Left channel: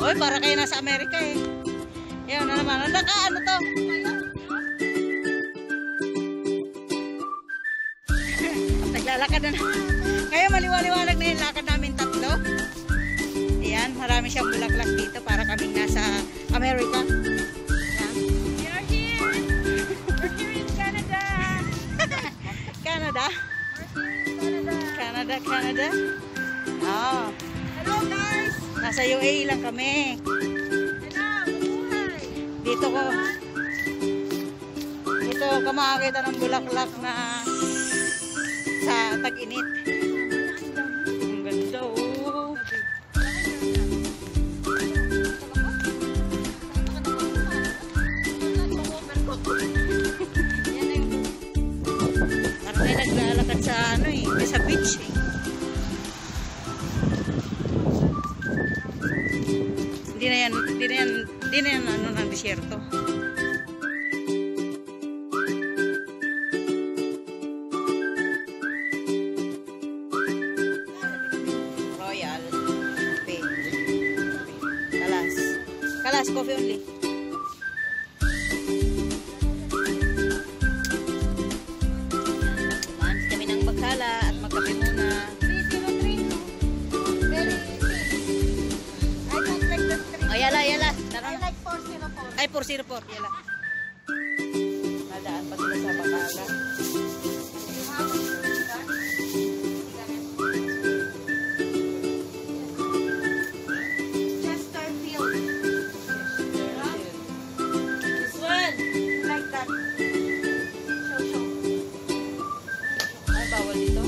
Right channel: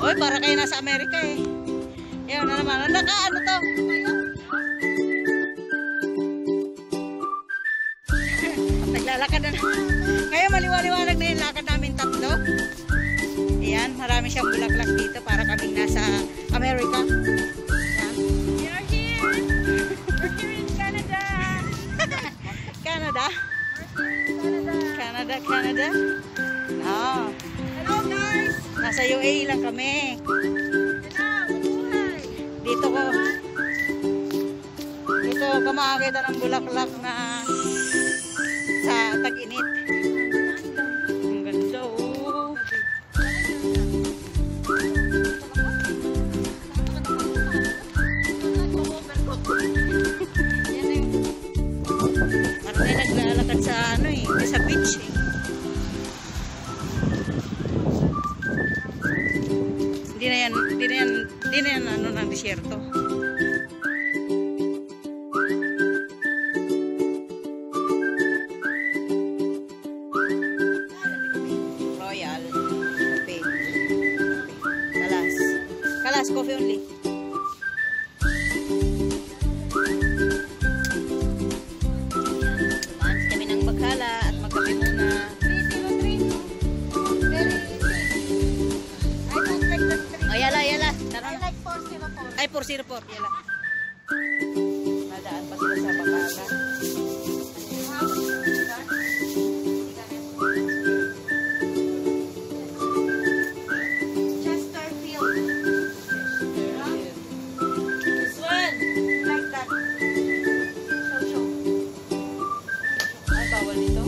Oy, para kayo nasa Amerika eh. Yan na naman. Ano to? Naglalakad na. Ngayon maliwaliwanag na yung lakad namin tatlo. Ayan, marami siyang bulaklak dito para kaming nasa Amerika. Ayan. We are here. We're here in Canada. Canada? We're here in Canada. Canada? Ah. Hello guys. Nasa UAE lang kami. Hello, mabuhay. Dito ka makakita ng bulaklak na sa tag-init. Ang ganda oh. Parang tayo naglalakad sa ano eh, sa beach eh. Hindi na yan ano ng disyerto. Royal Coffee. Kalas coffee only. Tumaan kami ng Baghala at magkape muna. 303 no? Very easy. I don't like the 3. Oh, yala. Tara I na. like 404. Ay, 404. Yala. Nadaan pa sila sa Baghala. You have that? Chesterfield. This one. Like that. Show. Ay, bawal dito.